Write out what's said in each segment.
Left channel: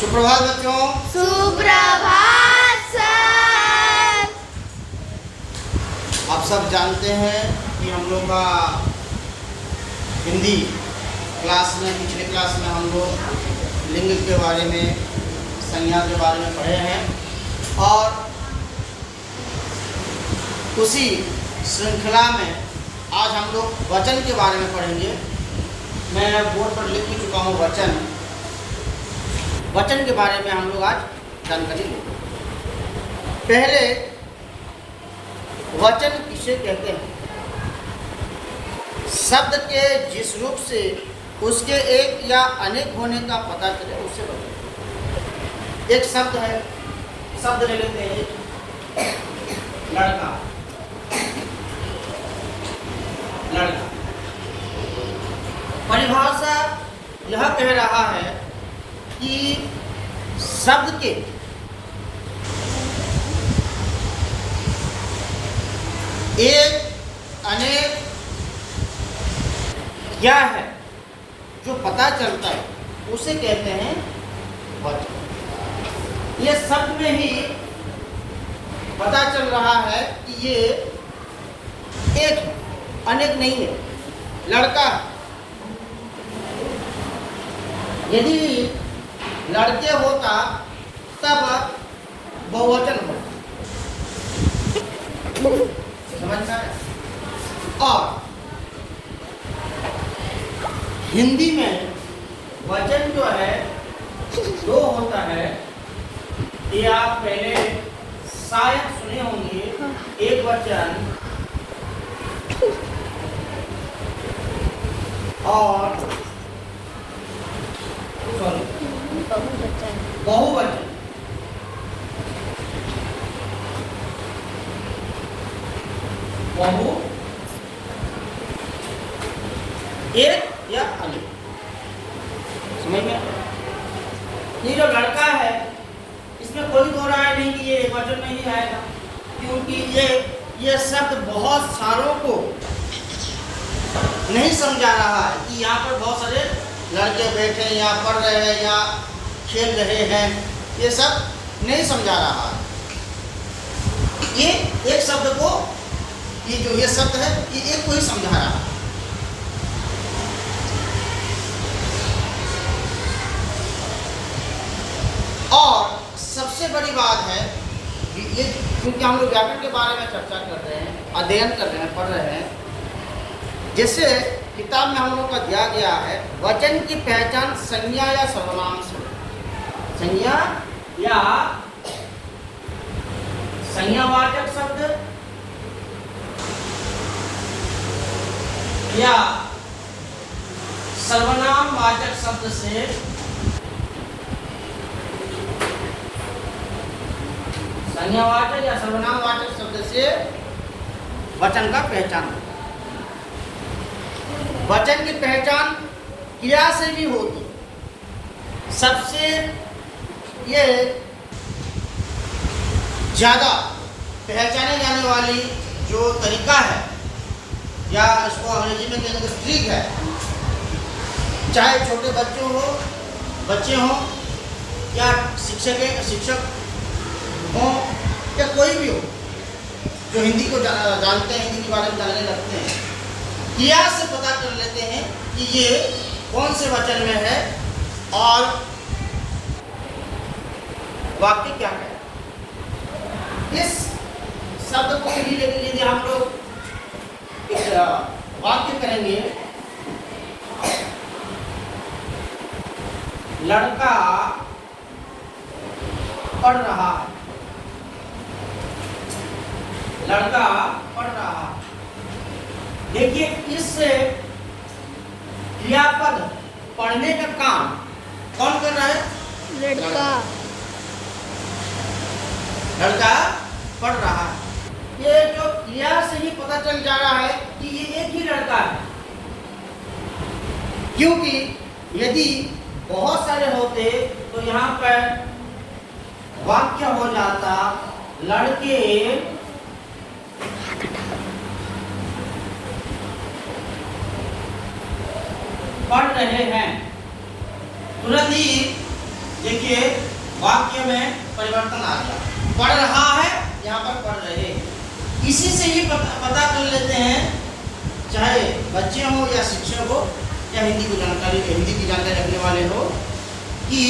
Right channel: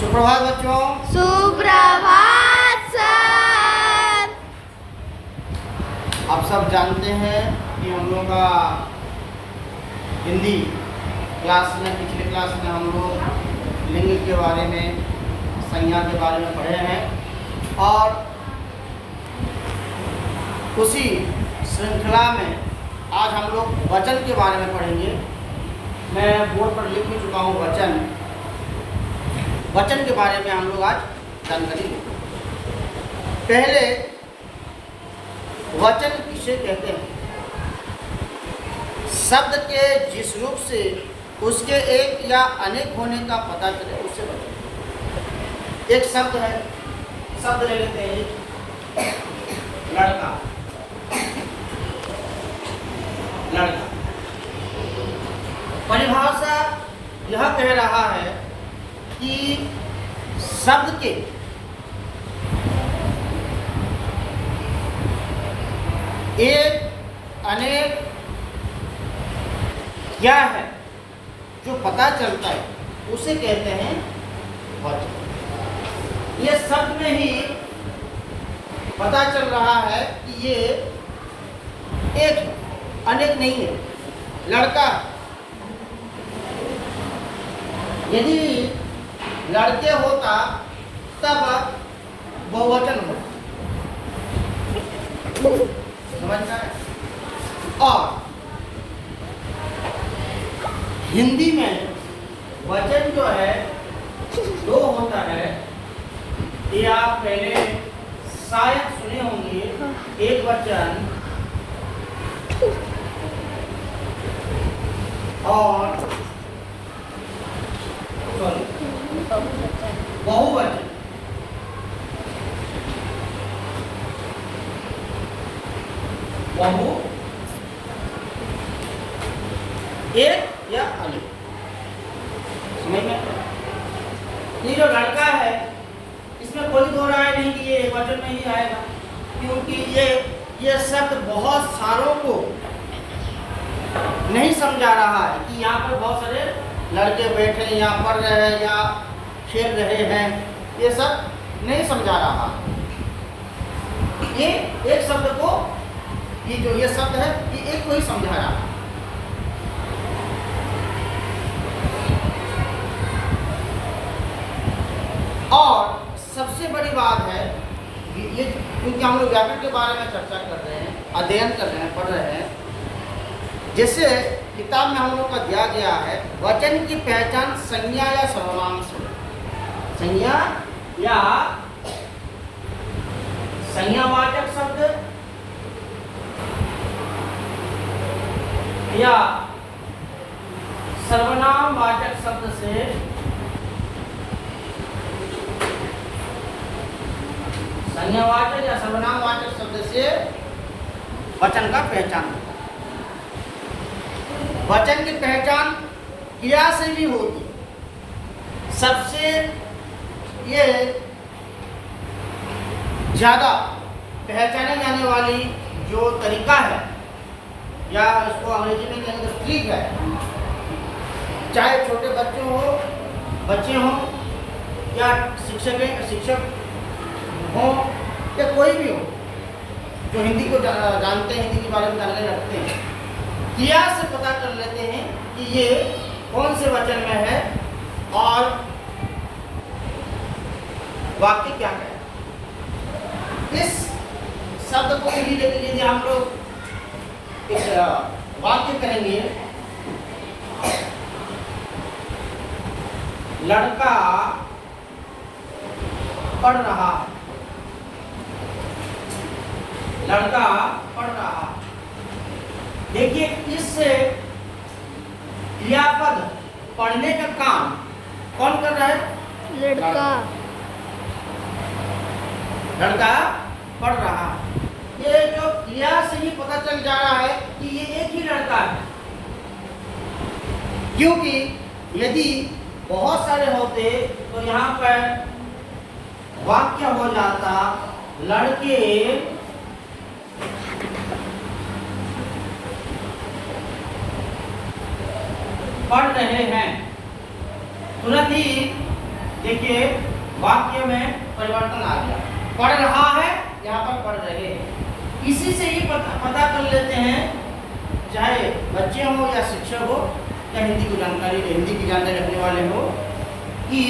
सुप्रभात बच्चों। सुप्रभात सर। आप सब जानते हैं कि हम लोग का हिंदी क्लास में पिछले क्लास में हम लोग लिंग के बारे में, संज्ञा के बारे में पढ़े हैं और उसी श्रृंखला में आज हम लोग वचन के बारे में पढ़ेंगे। मैं बोर्ड पर लिख भी चुका हूँ वचन के बारे में हम लोग आज जानकारी लेंगे। पहले वचन किसे कहते हैं? शब्द के जिस रूप से उसके एक या अनेक होने का पता चले उसे वचन। एक शब्द है, शब्द ले लेते हैं लड़का। लड़का परिभाषा यह कह रहा है कि शब्द के एक अनेक क्या है जो पता चलता है उसे कहते हैं वचन। ये शब्द में ही पता चल रहा है कि ये एक है, अनेक नहीं है। लड़का यदि लड़के होता तब बहुवचन होता। समझ में? और हिंदी में वचन जो है दो होता है। ये आप पहले शायद सुने होंगे। एक वचन और बहुवचन। बहु एक या अनेक। समझ में? ये जो लड़का है इसमें कोई दो राय नहीं कि ये एक वचन में ही आएगा, क्योंकि ये शब्द बहुत सारों को नहीं समझा रहा है कि यहाँ पर बहुत सारे लड़के बैठे हैं या पढ़ रहे हैं या खेल रहे हैं। ये सब नहीं समझा रहा। ये एक शब्द को, ये जो ये शब्द है ये एक को ही समझा रहा है। और सबसे बड़ी बात है ये, क्योंकि हम लोग व्याकरण के बारे में चर्चा कर रहे हैं, अध्ययन कर रहे हैं, पढ़ रहे हैं। जैसे किताब में हम लोग का दिया गया है, वचन की पहचान संज्ञा या सर्वनाम से। संज्ञा या संज्ञावाचक शब्द या सर्वनाम वाचक शब्द से संज्ञावाचक या सर्वनाम वाचक शब्द से वचन का पहचान। वचन की पहचान क्रिया से भी होती। सबसे ये ज़्यादा पहचाने जाने वाली जो तरीका है, या इसको अंग्रेजी में कहेंगे ट्रिक है, चाहे छोटे बच्चे हों या शिक्षक हों या कोई भी हो जो हिंदी को जानते हैं, हिंदी के बारे में जानने लगते हैं, क्रिया से पता कर लेते हैं कि ये कौन से वचन में है और वाक्य क्या है। इस शब्द को ही लेकर यदि हम लोग एक वाक्य करेंगे, लड़का पढ़ रहा है। लड़का पढ़ रहा है। देखिए, इस क्रियापद पढ़ने का काम कौन कर रहा है? लड़का। लड़का पढ़ रहा है। ये जो क्रिया से ही पता चल जा रहा है कि ये एक ही लड़का है, क्योंकि यदि बहुत सारे होते तो यहाँ पर वाक्य हो जाता लड़के पढ़ रहे हैं। तुरंत ही देखिए वाक्य में परिवर्तन आ गया, पढ़ रहा है यहाँ पर पढ़ रहे। इसी से ये पता कर लेते हैं, चाहे बच्चे हो या शिक्षक हो या हिंदी की जानकारी रखने वाले हो, कि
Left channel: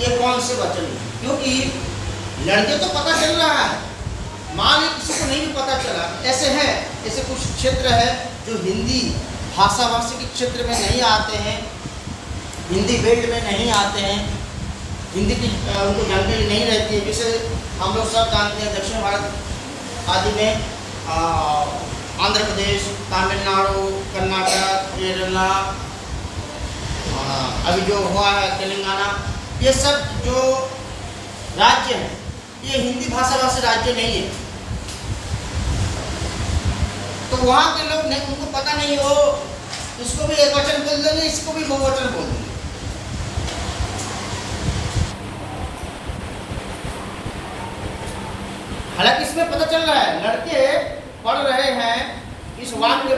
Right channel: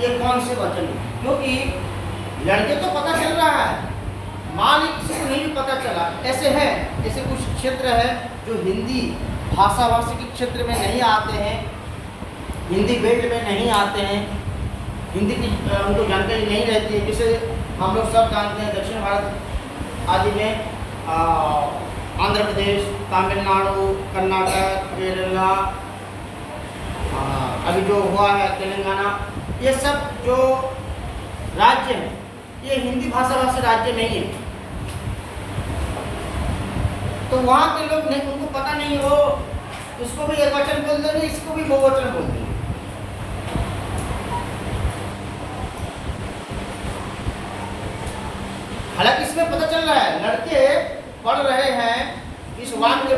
ये कौन से वचन है। क्योंकि लड़के तो पता चल रहा है, मान ली किसी को नहीं भी पता चला, ऐसे है, ऐसे कुछ क्षेत्र है जो हिंदी भाषी के क्षेत्र में नहीं आते हैं, हिंदी बेल्ट में नहीं आते हैं, हिंदी की उनको जानकारी नहीं रहती है। जैसे हम लोग सब जानते हैं दक्षिण भारत आदि में आंध्र प्रदेश, तमिलनाडु, कर्नाटक, केरला, अभी जो हुआ है तेलंगाना, ये सब जो राज्य हैं ये हिंदी भाषी राज्य नहीं है। तो वहाँ के लोग नहीं, उनको पता नहीं, वो इसको भी एक वचन बोल देंगे, इसको भी बहुवचन बोल देंगे। हालांकि इसमें पता चल रहा है लड़के पढ़ रहे हैं, इस वाक्य